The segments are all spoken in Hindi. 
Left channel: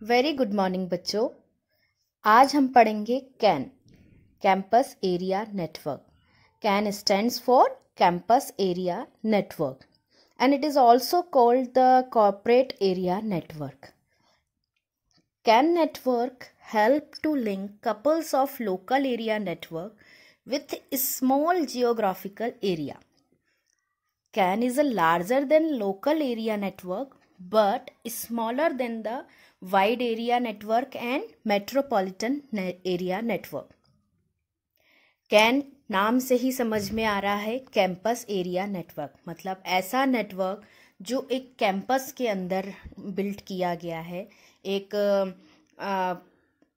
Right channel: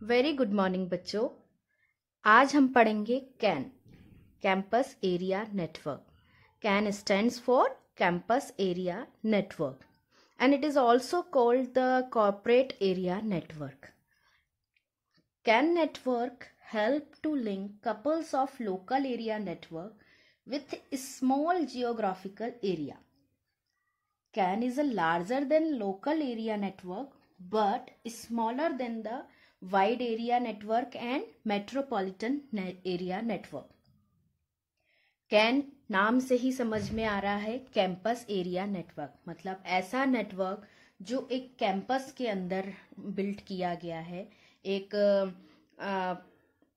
वेरी गुड मॉर्निंग बच्चों। आज हम पढ़ेंगे can, campus area network. Can stands for campus area network and it is also called the corporate area network. CAN network help to link couples of local area network with a small geographical area. CAN is a larger than local area network but smaller than the wide area network and metropolitan area network. Can नाम से ही समझ में आ रहा है कैंपस एरिया नेटवर्क, मतलब ऐसा नेटवर्क जो एक कैंपस के अंदर बिल्ड किया गया है। एक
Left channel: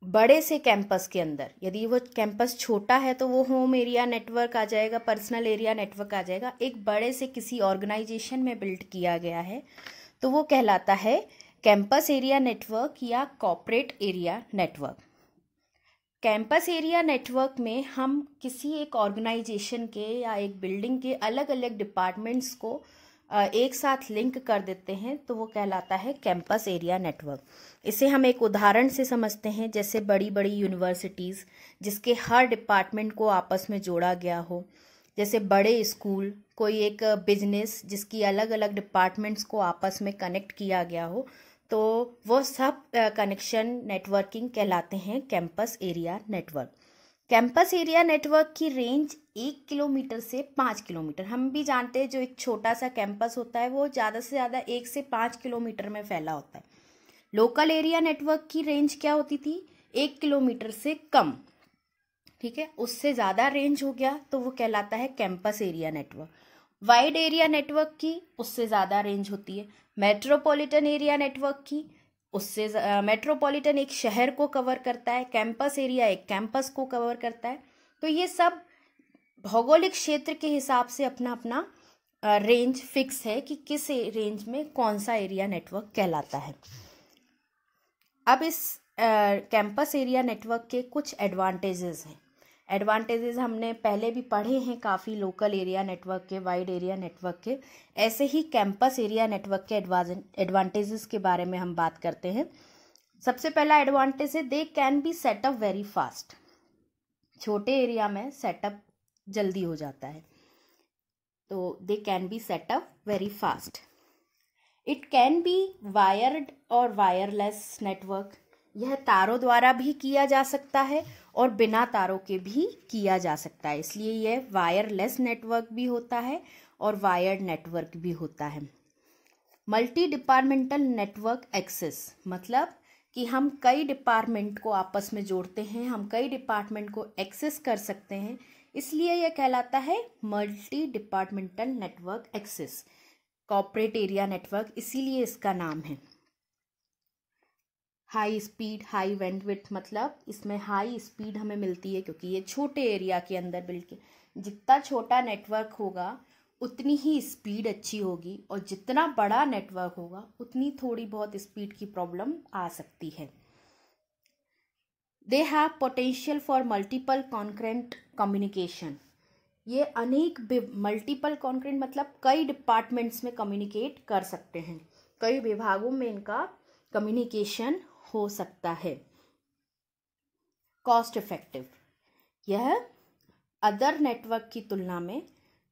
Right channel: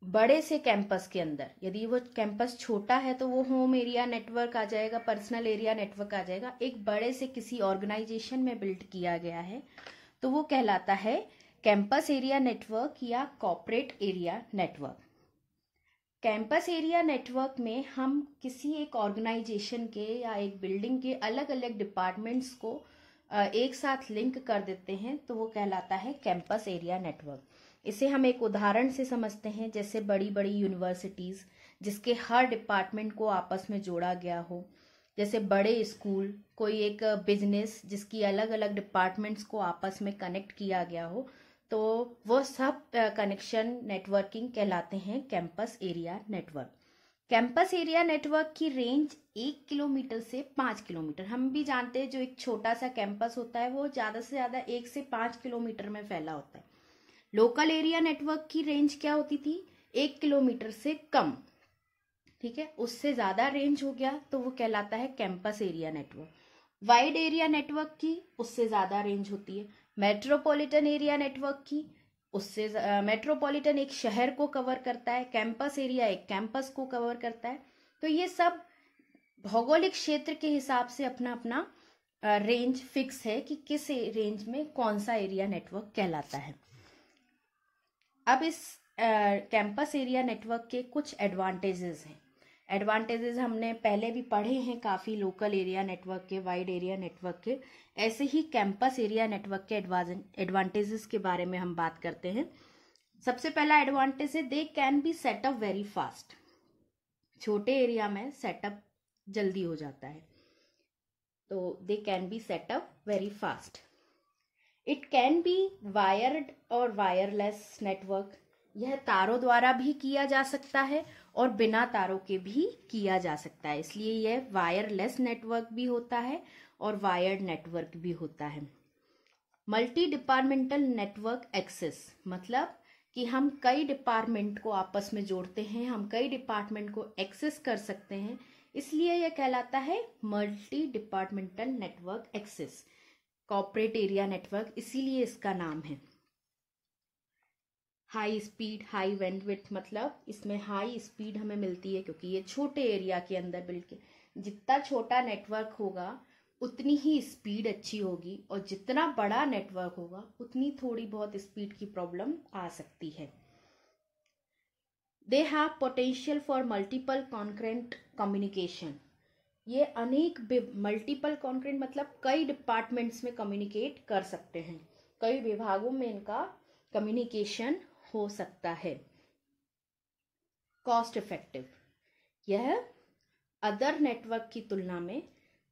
बड़े से कैंपस के अंदर, यदि वो कैंपस छोटा है तो वो होम एरिया नेटवर्क आ जाएगा, पर्सनल एरिया नेटवर्क आ जाएगा। एक बड़े से किसी ऑर्गेनाइजेशन में बिल्ड किया गया है तो वो कहलाता है कैंपस एरिया नेटवर्क या corporate area network. Campus area network में हम किसी एक ऑर्गेनाइजेशन के या एक बिल्डिंग के अलग अलग डिपार्टमेंट्स को एक साथ लिंक कर देते हैं तो वो कहलाता है कैंपस एरिया नेटवर्क। इसे हम एक उदाहरण से समझते हैं, जैसे बड़ी बड़ी यूनिवर्सिटीज़ जिसके हर डिपार्टमेंट को आपस में जोड़ा गया हो, जैसे बड़े स्कूल, कोई एक बिजनेस जिसकी अलग अलग डिपार्टमेंट्स को आपस में कनेक्ट किया गया हो, तो वो सब कनेक्शन नेटवर्किंग कहलाते हैं campus area network. Campus area network की रेंज 1 किलोमीटर से 5 किलोमीटर। हम भी जानते हैं जो एक छोटा सा कैंपस होता है वो ज़्यादा से ज़्यादा 1 से 5 किलोमीटर में फैला होता है। लोकल एरिया नेटवर्क की रेंज क्या होती थी? 1 किलोमीटर से कम, ठीक है। उससे ज़्यादा रेंज हो गया तो वो कहलाता है campus area network. Wide area network की उससे ज़्यादा रेंज होती है। मेट्रोपॉलिटन एरिया नेटवर्क की उससे मेट्रोपॉलिटन एक शहर को कवर करता है, कैंपस एरिया एक कैंपस को कवर करता है। तो ये सब भौगोलिक क्षेत्र के हिसाब से अपना अपना रेंज फिक्स है कि किस रेंज में कौन सा एरिया नेटवर्क कहलाता है। अब इस कैंपस एरिया नेटवर्क के कुछ एडवांटेजेस हैं। एडवांटेजेस हमने पहले भी पढ़े हैं काफ़ी, लोकल एरिया नेटवर्क के, वाइड एरिया नेटवर्क के। ऐसे ही कैंपस एरिया नेटवर्क के एडवांटेजेस के बारे में हम बात करते हैं। सबसे पहला एडवांटेज है they can be set up very fast. छोटे एरिया में सेटअप जल्दी हो जाता है, तो they can be set up very fast. It can be wired और वायरलेस नेटवर्क। यह तारों द्वारा भी किया जा सकता है और बिना तारों के भी किया जा सकता है, इसलिए यह वायरलेस नेटवर्क भी होता है और वायर्ड नेटवर्क भी होता है। मल्टी डिपार्टमेंटल नेटवर्क एक्सेस, मतलब कि हम कई डिपार्टमेंट को आपस में जोड़ते हैं, हम कई डिपार्टमेंट को एक्सेस कर सकते हैं, इसलिए यह कहलाता है multi departmental network access, corporate area network, इसीलिए इसका नाम है। हाई स्पीड हाई बैंडविड्थ, मतलब इसमें हाई स्पीड हमें मिलती है क्योंकि ये छोटे एरिया के अंदर बिल्ड के, जितना छोटा नेटवर्क होगा उतनी ही स्पीड अच्छी होगी और जितना बड़ा नेटवर्क होगा उतनी थोड़ी बहुत स्पीड की प्रॉब्लम आ सकती है। They have potential for multiple concurrent communication. ये अनेक मल्टीपल कॉन्करेंट मतलब कई डिपार्टमेंट्स में कम्युनिकेट कर सकते हैं, कई विभागों में इनका कम्युनिकेशन हो सकता है। कॉस्ट इफेक्टिव, यह अदर नेटवर्क की तुलना में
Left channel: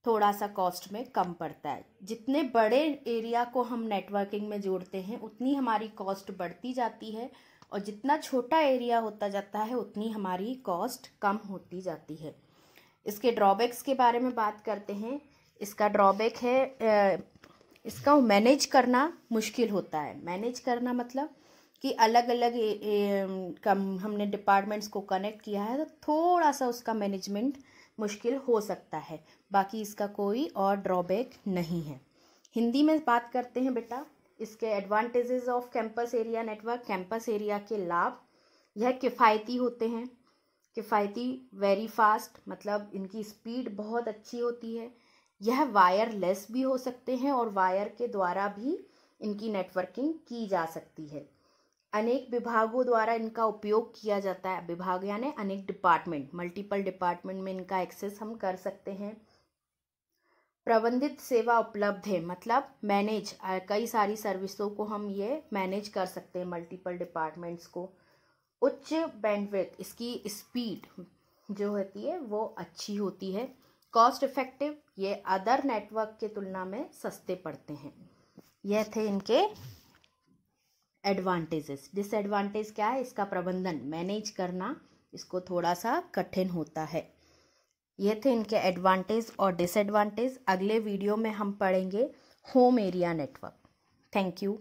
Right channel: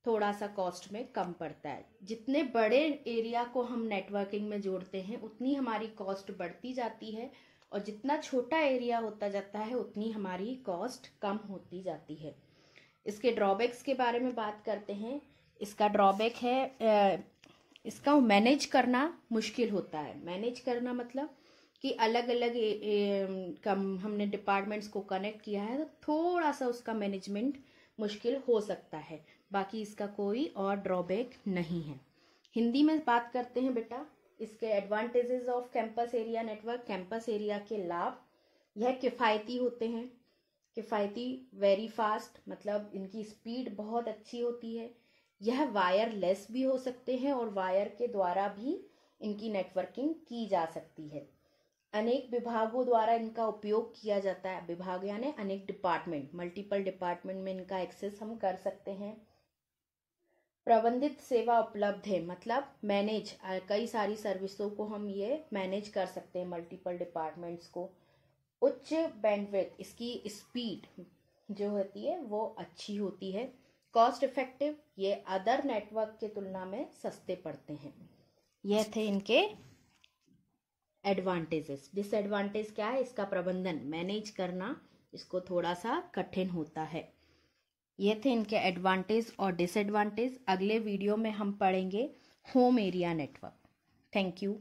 थोड़ा सा कॉस्ट में कम पड़ता है। जितने बड़े एरिया को हम नेटवर्किंग में जोड़ते हैं उतनी हमारी कॉस्ट बढ़ती जाती है और जितना छोटा एरिया होता जाता है उतनी हमारी कॉस्ट कम होती जाती है। इसके ड्रॉबैक्स के बारे में बात करते हैं। इसका ड्रॉबैक है इसका मैनेज करना मुश्किल होता है। मैनेज करना मतलब कि अलग अलग हमने डिपार्टमेंट्स को कनेक्ट किया है तो थोड़ा सा उसका मैनेजमेंट मुश्किल हो सकता है, बाकी इसका कोई और ड्रॉबैक नहीं है। हिंदी में बात करते हैं बेटा इसके advantages off campus area network. Campus area के लाभ, यह किफ़ायती होते हैं। किफ़ायती, वेरी फास्ट, मतलब इनकी स्पीड बहुत अच्छी होती है। यह वायरलेस भी हो सकते हैं और वायर के द्वारा भी इनकी नेटवर्किंग की जा सकती है। अनेक विभागों द्वारा इनका उपयोग किया जाता है। विभाग यानी अनेक डिपार्टमेंट, मल्टीपल डिपार्टमेंट में इनका एक्सेस हम कर सकते हैं। प्रबंधित सेवा उपलब्ध है, मतलब मैनेज, कई सारी सर्विसों को हम ये मैनेज कर सकते हैं, मल्टीपल डिपार्टमेंट्स को। उच्च बैंडविड्थ, इसकी स्पीड जो होती है वो अच्छी होती है। कॉस्ट इफेक्टिव, ये अदर नेटवर्क की तुलना में सस्ते पड़ते हैं। यह थे इनके एडवांटेजेस। डिसएडवांटेज क्या है? इसका प्रबंधन, मैनेज करना इसको थोड़ा सा कठिन होता है। ये थे इनके एडवांटेज और डिसएडवांटेज। अगले वीडियो में हम पढ़ेंगे home area network. Thank you.